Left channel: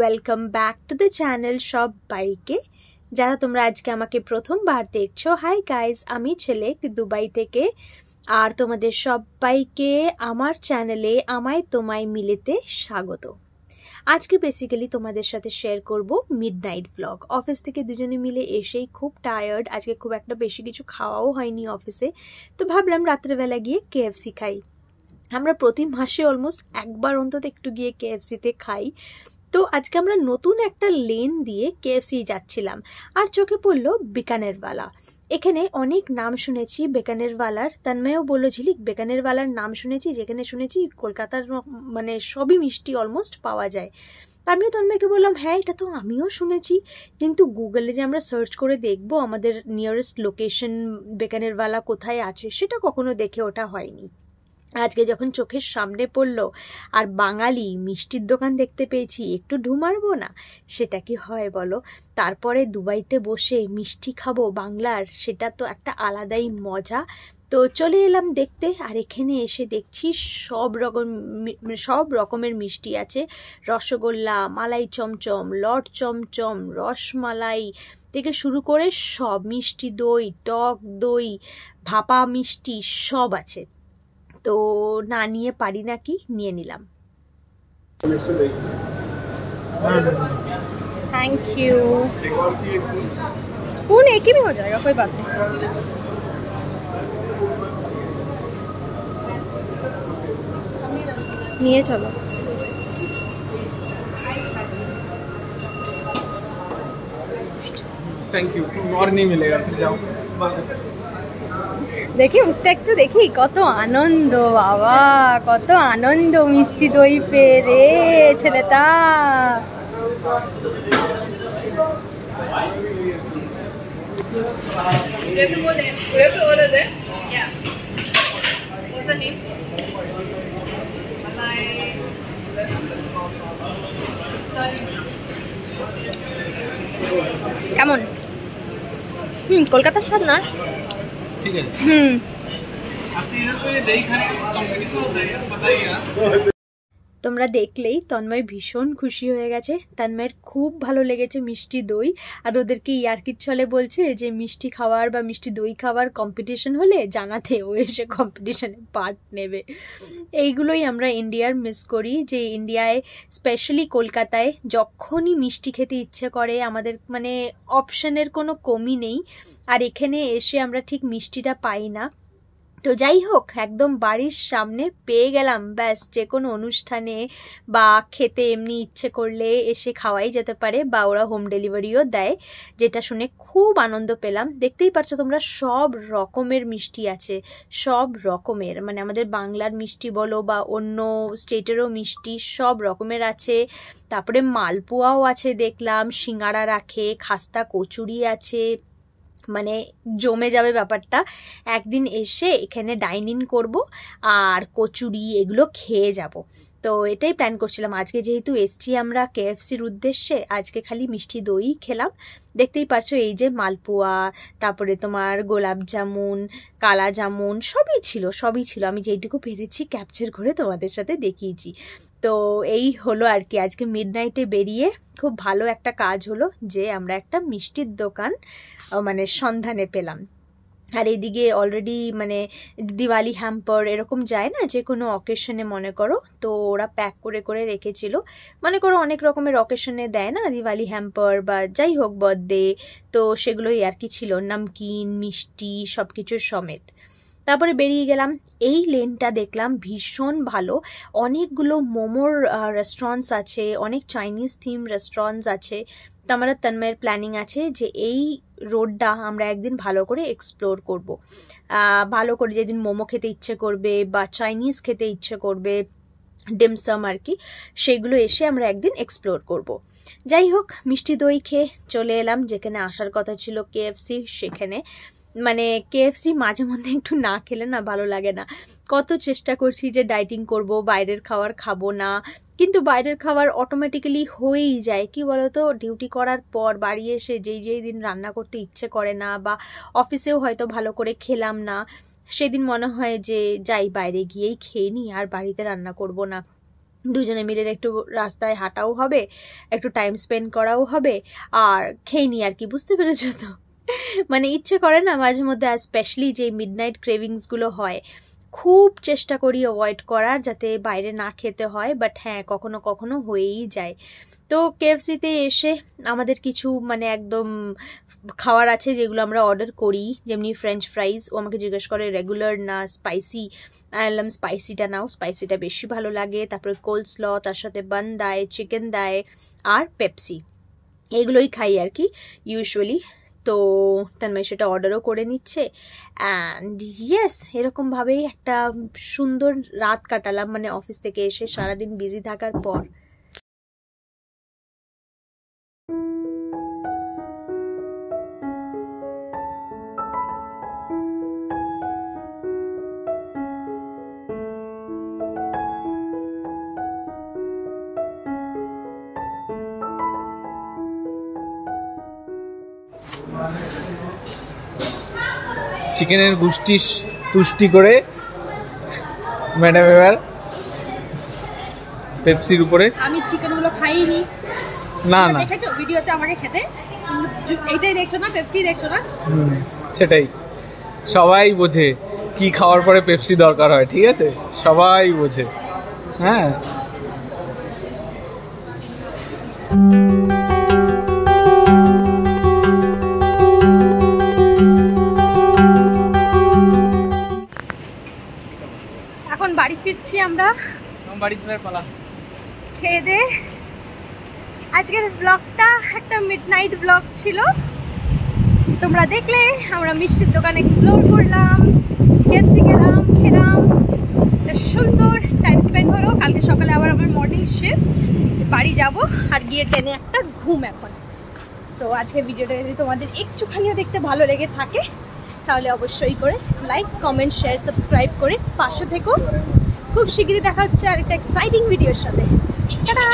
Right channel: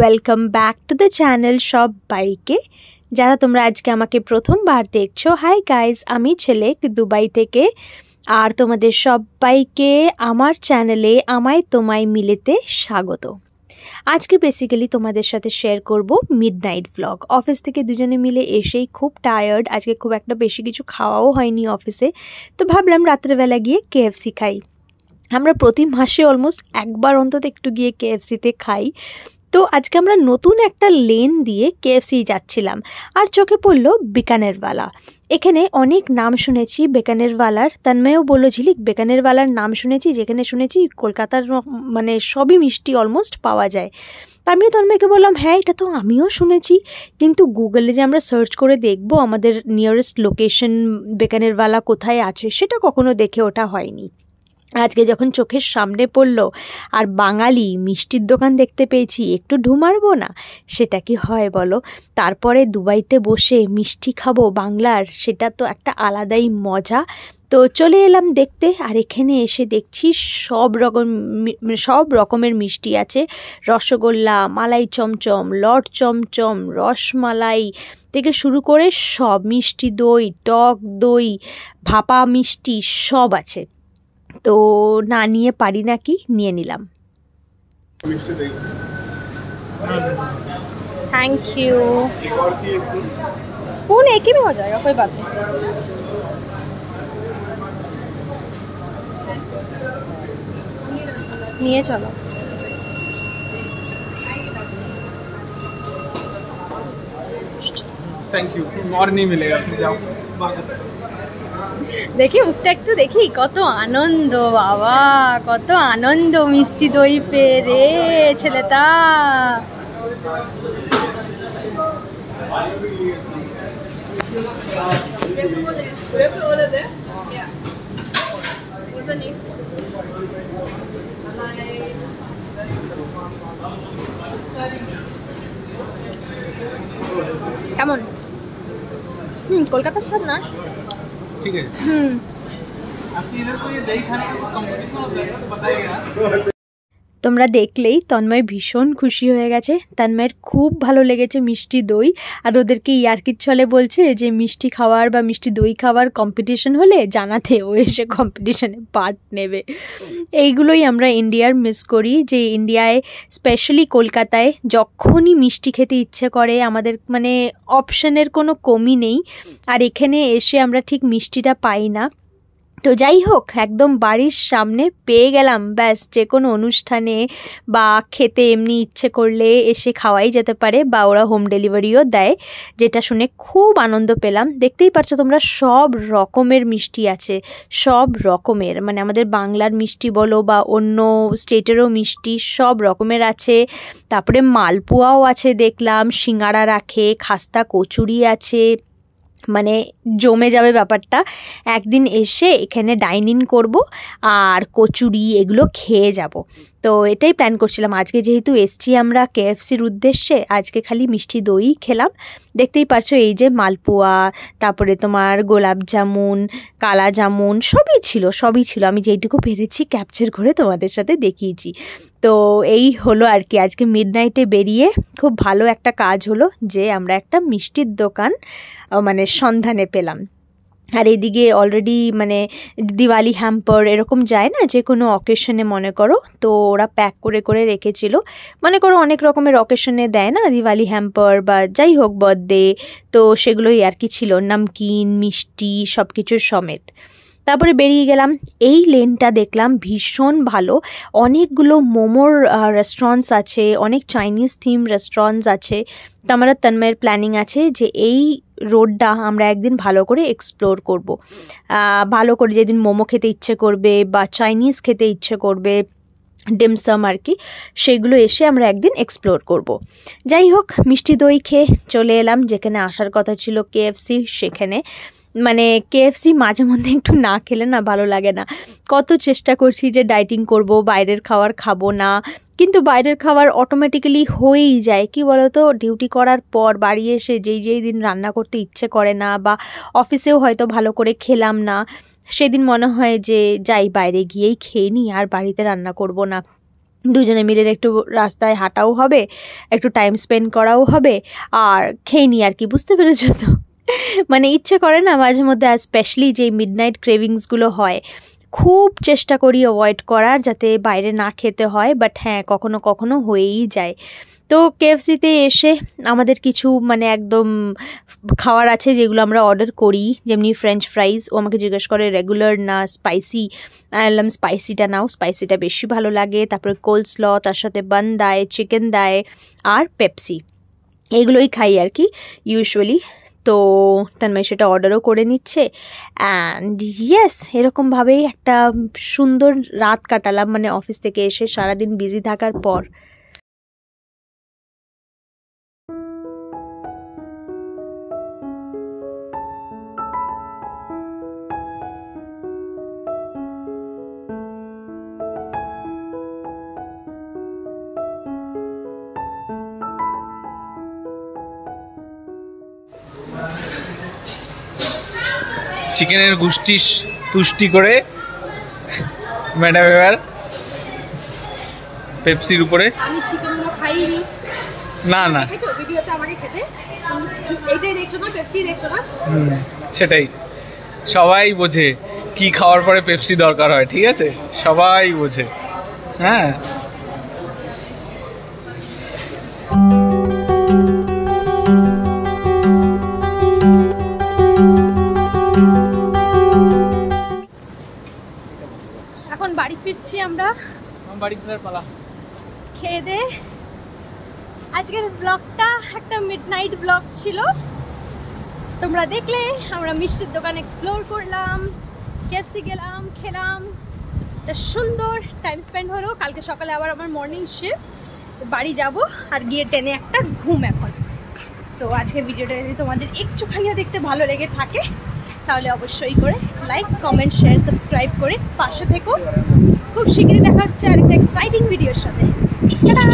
Welcome back to the channel সবাইকে। যারা তোমরা আজকে আমাকে প্রথমবার দেখছো, হাই গাইজ, আমি ছেলেক দুবাই থেকে। আর তোমাদের সবাইকে আমার চ্যানেলে আমায় তোমায় মিলেতে স্বাগত। আজকে বেসিক্যালি তোমাদের সাথে শেয়ার করব মিডনাইট ব্লগ। অফিস থেকে দুজনে মিলে এসেই খুব টায়ার্ড, আজকে খুব একটা বেশি কিছু খাওয়াও হয়নি অফিসে, তো ভাবলাম রাত্রেবেলা গিয়ে কেএফসি খাই। আমরা প্রতি মাসে অলমোস্ট একবার অন্তত একটু গিয়ে কেএফসিতে খাই। তো আজকে আমরা নতুন একটা লেন দিয়ে কেএফসি যাচ্ছিলাম, আর চোখে পড়লো বিকানেরওয়ালা। এখানে অনেক নাম শুনেছি বিকানেরওয়ালার, তন্ময়ও বললো ঝিলিক বিকানেরওয়ালার নাম শুনেছি, যেখানে শুনেছি কলকাতার মানে সবই মিষ্টি অলমোস্ট পাওয়া যায়। আমিও তন্ময়কে বললাম হ্যাঁ এটা তো আমিও শুনেছি, কিন্তু গুগলে যে আমরা সার্চ করে দেখবো আমাদের নিয়ারেস্ট লোকেশন বিকানেরওয়ালা কোথায় আছে সেটা কখনো দেখে ওঠা হয়নি। আজকে যখন চোখের সামনে পড়লো আর বাঙালি মিষ্টির দোকান দেখতে পেয়েছি, একটু ঢুমারবো না? সেটা কি হয় বলো? তারপরে দুবাইতে বসে মিষ্টি খাবো বাংলার, সেটা তো একটা আলাদাই মজা। তো চলে এলাম দেখতে, আর এখানে এসে দেখছি সব রকমের মিষ্টি আছে। রসগোল্লা, মালাই চমচম, লট চমচম, রসমালাই থেকে শুরু করে সব, মিষ্টি দই, টক দই, ভাপা মিষ্টি সব আছে। তো না নিয়ে পারি নাকি, নিয়ে নিলাম। Thank you. स्पून एक ही में हो जाएगा, कोई बात नहीं। নিয়ে চলো। Thank you. और नहीं मिलेगा, फिर जाओ। দেখি মুখটা একটু দেখি, কত আনন্দ বাবা, কত আনন্দ মিষ্টি দই পেয়ে রে ছেলেটা। কেমন? কলকাতার স্বাদ না? ठीक है। आपके इधर कोई दही खाने का कंपटीशन होता है यार, बताइएगा। তোমরা দেখলেই তন্ময় ভীষণ খুশি হয়ে গেছে, তন্ময়ের খুব ভালো লেগেছে মিষ্টি দই। আর ওদেরকে ইয়ার্কির ছলে বলছে যে মিষ্টি খাওয়ার বা মিষ্টি দই খাওয়ার কম্পিটিশন হলে জানাতে, ও এসে কম্পিটিশনে পার্ট নেবে। এইগুলোই আমরা ইন্ডিয়ার মিস করি, যে ইন্ডিয়ায় স্পেশালি কলকাতায় যখনই মিষ্টি খেতে ইচ্ছে করে আমাদের মানে অপশানের কোনো কমই নেই, আর এখানে এসে আমরা ঠিক মিষ্টিটা পাই না। তো যাই হোক, একদম বাড়ির সামনে পেয়ে গেলাম, ব্যাস যে কোনো অনুষ্ঠানে বা খেতে এমনি ইচ্ছে করলে এসে খাওয়াই যেতে পারে, বা ওরা হোম ডেলিভারিও দেয়, যেটা শুনে খুব আনন্দ পেলাম। দেখতেই পারছো তোমরা, সব রকমের মিষ্টি আছে, সব রকমের, মানে আমাদের বাংলার মিষ্টি বলো বা অন্য স্টেটেরও মিষ্টি সব রকমের আছে। তারপরে মালপোয়াও আছে দেখলাম, সিঙ্গারা রাখে, খাস্তা কচুরি আছে, মানে জমে যাবে ব্যাপারটা। একদিন এসে এখানে ডাইন ইন করবো আর কচুরি এগুলো খেয়ে যাব। তো এটাই প্ল্যান করছিলাম। আজকে যেহেতু এসছি আমরা কেএফসির উদ্দেশ্যে, আজকে খালি মিষ্টি দই খেলাম। দেখতেই পারছো এই যে মালপোয়া, তারপরে তোমার গোলাপ জামুন, কালা জামুন সবই ছিল। আমি যেইটুকু পেরেছি ক্যাপচার করে তোমাদের সাথে দেখিয়েছি। তো এই হলো আর কি, আজকে মিডনাইটে বেরিয়ে খুব ভালো একটা কাজ হলো যে আমরা একটা মিষ্টির দোকান মানে সন্ধানে পেলাম। আর এদিকে অলরেডি মানে দিওয়ালি হ্যাম্পার এরকম যায় না যে কোনো অকেশনে, মনে করো, তো ওরা প্যাক করে করে রেখেছিল। মনে করো অনেক রকমের অকেশনে দেয় না দিওয়ালি হ্যাম্পার বা যাই হোক বার্থডে, তো সেগুলোই আর কি ছিল, নামকিন মিষ্টি সব কিছুর সমেত। তারপরে বেরিয়ে গেলাম। এই লেনটা দেখলাম ভীষণ ভালো, অনেকগুলো মোমোর রেস্টুরেন্টস আছে, অনেক চাইনিজ থিম রেস্টুরেন্টস আছে। তো আমার তন্ময়ের প্ল্যানিং আছে যে এই রোডটা আমরা একদিন ভালো করে এক্সপ্লোর করব, ভালো করে যেদিন মোমো খেতে ইচ্ছে করবে বা চাইনিজ খেতে ইচ্ছে করবে, ডিমসাম আর কি, সেগুলো এসে আমরা একদিন এক্সপ্লোর করব। যাই হোক, মিষ্টি দই খেয়ে চলে এলাম যেখানে আসার কথা ছিল, কেএফসি। সেখানে মানে কেএফসি মাঝে মধ্যে একটু না খেলে না ভালো লাগে না। কত চেষ্টা করছি যে ডায়েটিং করব, বাইরের খাবার খাবো না, কিন্তু বাইরের খাবার অটোমেটিক্যালি হয়েই যায়। কি বলো তো, ডিউটি করার পর বাড়ি এসে যেই দিন রান্না করতে ইচ্ছে করে না, বা অফিসেও হয়তো ভালো করে খেলাম না, সেদিন মনে হয় যে যাই বাইরে গিয়েই খেয়ে নিই, আর বাড়িতে রান্না করব না। দুজনে মিলে একটু রাস্তায় হাঁটাও হবে, একটু টাইম স্পেন্ড করাও হবে, আর খেয়ে নিই আর কি, বুঝতে পেরেছো তো? মানে ইচ্ছে করে না মাঝে মধ্যে, আর স্পেশালি যে মিডনাইট ক্রেভিংসগুলো হয়, খুব চেষ্টা করি অ্যাভয়েড করার, যাতে বাইরে না খেতে হয়, বাট হ্যাঁ কখনো কখনো হয়েই যায়। তো কেএফসিতে এসে আমাদের কিছু মানে একদম খাবার আছে যেগুলো আমরা অর্ডার করি, যেমনি ফ্রেঞ্চ ফ্রাইজ। ও আমাকে জিজ্ঞেস করে রেগুলার না স্পাইসি, আমি বললাম স্পাইসিটা নাও, স্পাইসিটা বেশি ভালো লাগে। তারপরে কোলস্ল, তার সাথে বান দেয়, চিকেন দেয়, আর পেপসি, এগুলোই খাই আর কি ইউজুয়ালি। তো তন্ময় সেটা অর্ডারও করে নিচ্ছে। অ্যান্ড ইয়েস, এরকমভাবেই একটা সুন্দর রাত কাটালাম, মানে অফিস থেকে এসে সারাদিন বিজি থাকার পর। চিকেনের গুষ্টি তুষ্টি করে ম্যাডাম এবার পেপসির উপরে। আমি চিকেনগুলো খাইনি। না না, দেখেছো ভিডিওতে আমাকে খেতে, এইটাই দেখছো না, পেপসি দেখছো না। সেটাই, সবাই বোঝে কি খাওয়ার পরে পেপসি দরকার হয়, ঠিক আছে, সবাই বোঝে। হ্যাঁ, এখন বাড়ি ফিরছি আমরা, বাড়ি ফেরার পালা। খেয়ে দে। আজকের ব্লগটা একটা মিডনাইট ব্লগ ছিল, তোমরা দেখলে। আমরা মিষ্টির দোকান এক্সপ্লোর করলাম, কেএফসি গেলাম, খেলাম, একটা সুন্দর টাইম স্পেন্ড হলো। কালকে সকালে আবার আমার মর্নিং শিফট, বাড়ি যাব আর গিয়ে টেনে একটা ঘুম এখন। সো আজকের ভিডিওটা যদি তোমাদের একটুখানিও দেখতে ভালো লেগে থাকে, তাহলে অবশ্যই করে লাইক, কমেন্ট, শেয়ার, সাবস্ক্রাইব করে পাশে থেকো। খুব শিগগিরই দেখা হচ্ছে আরেকটা এক্সাইটিং ভিডিওর সাথে। টাটা।